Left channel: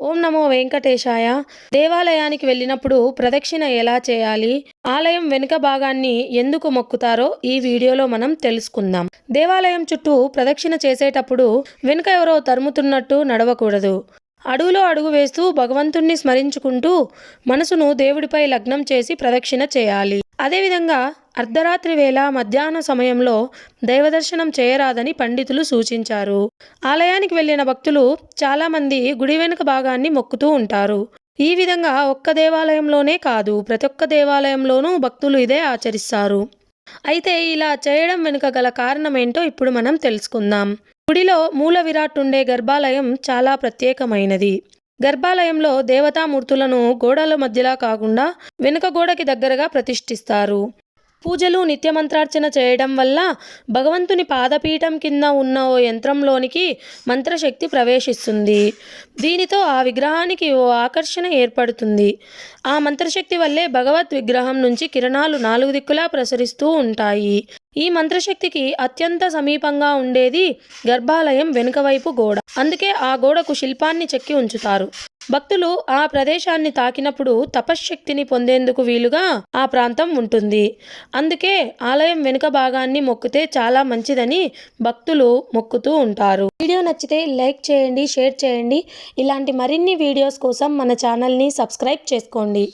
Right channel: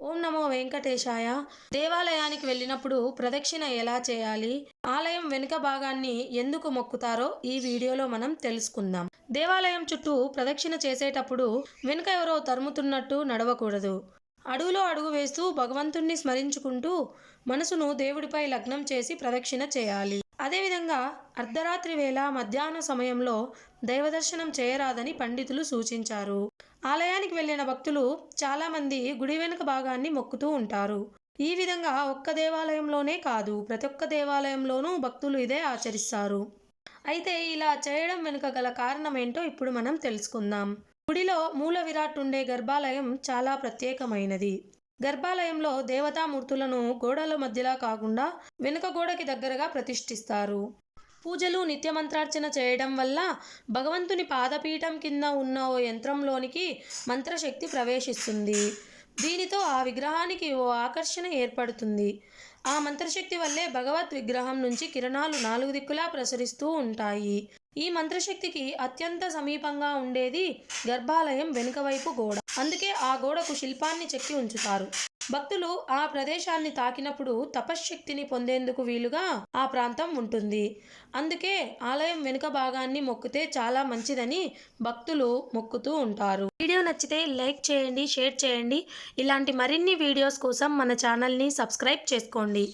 ఓం నమో వెంకటేశాయ. దేవాలయానికి వెళ్ళినప్పుడు ప్రదక్షిణ ఎలా చేయాలి? ఆలయం వెనుక భాగాన్ని ఎందుకు మొక్కుతారో ఈ వీడియోలో మనం తెలుసుకుందాం. దేవాలయం చుట్టూ ప్రదక్షిణ చేసేటప్పుడు వెనుక ఎవరో తరుముతున్నట్టు నడవకూడదు. అడుగులో అడుగు వేస్తూ భగవంతుణ్ణి స్మరించుకుంటూ మనసును దేవుడిపై లగ్నం చేసి ప్రదక్షిణ చేయాలి. అదేవిధంగా అర్ధరాత్రి వేళ మధ్యాహ్న సమయంలో దైవదర్శనం చేయరాదని పండితులు సూచించారు. ఆలయానికి వెళ్ళిన భక్తులు చాలామంది గుడి వెనుక భాగాన్ని మొక్కుతూ ఉంటారు. ఈ విధంగా ఒక్క దేవాలయంలోనే కాదు ప్రతి ఒక్క దేవాలయంలోనూ భక్తులు ఇదే ఆచరిస్తారు. అయితే ఇలా చేయడం వెనుక గల కారణం ఏంటో ఇప్పుడు మనం తెలుసుకుందాం. గుడిలో మూల విరాట్ ఉండే గర్భాలయం చాలా ప్రత్యేకమైనది. గర్భాలయంలో దేవతామూర్తులను గోడల మధ్యలా కాకుండా వెనుక గోడకి దగ్గరగా ప్రతిష్ఠిస్తారు. పూజలు నిత్యమంత్రార్చన చేయడం వల్ల భగవంతుని పాదపీఠం కింద ఉన్న ఓ యంత్రంలోనికి మంత్రశక్తి ప్రవేశిస్తుంది. దీనితో ఆ విగ్రహానికి ఓ ఆకర్షణ ఏర్పడుతుంది. ఆ మంత్రశక్తి వల్లే భగవత్ విగ్రహం నుంచి కిరణాలు నాలుగు దిక్కులా ప్రసరిస్తూ ఉంటాయి. ఈ మంత్రశక్తికి అత్యంత సమీపంగా ఉండేది గర్భాలయం వెనుక వైపు గోడ. అందుకే ఆ గోడకు శిల్పాన్ని చెక్కి ఉంచుతారు. భక్తులు ఆ ప్రదేశాన్ని తాకినప్పుడు తపశ్శక్తిని పొందేందుకు వీలుగా ఆ ప్రాంతం ఉంటుంది. అందుకే ఆలయం వెనుక భాగాన్ని మొక్కితే చాలా మంచిదని భక్తులు మొక్కుతూ ఉంటారు. వీడియో నచ్చితే లైక్ చేయండి షేర్ చేయండి. ఇలాంటి మరిన్ని వీడియోస్ కోసం మన ఛానల్ని సబ్స్క్రైబ్ చేసుకోండి.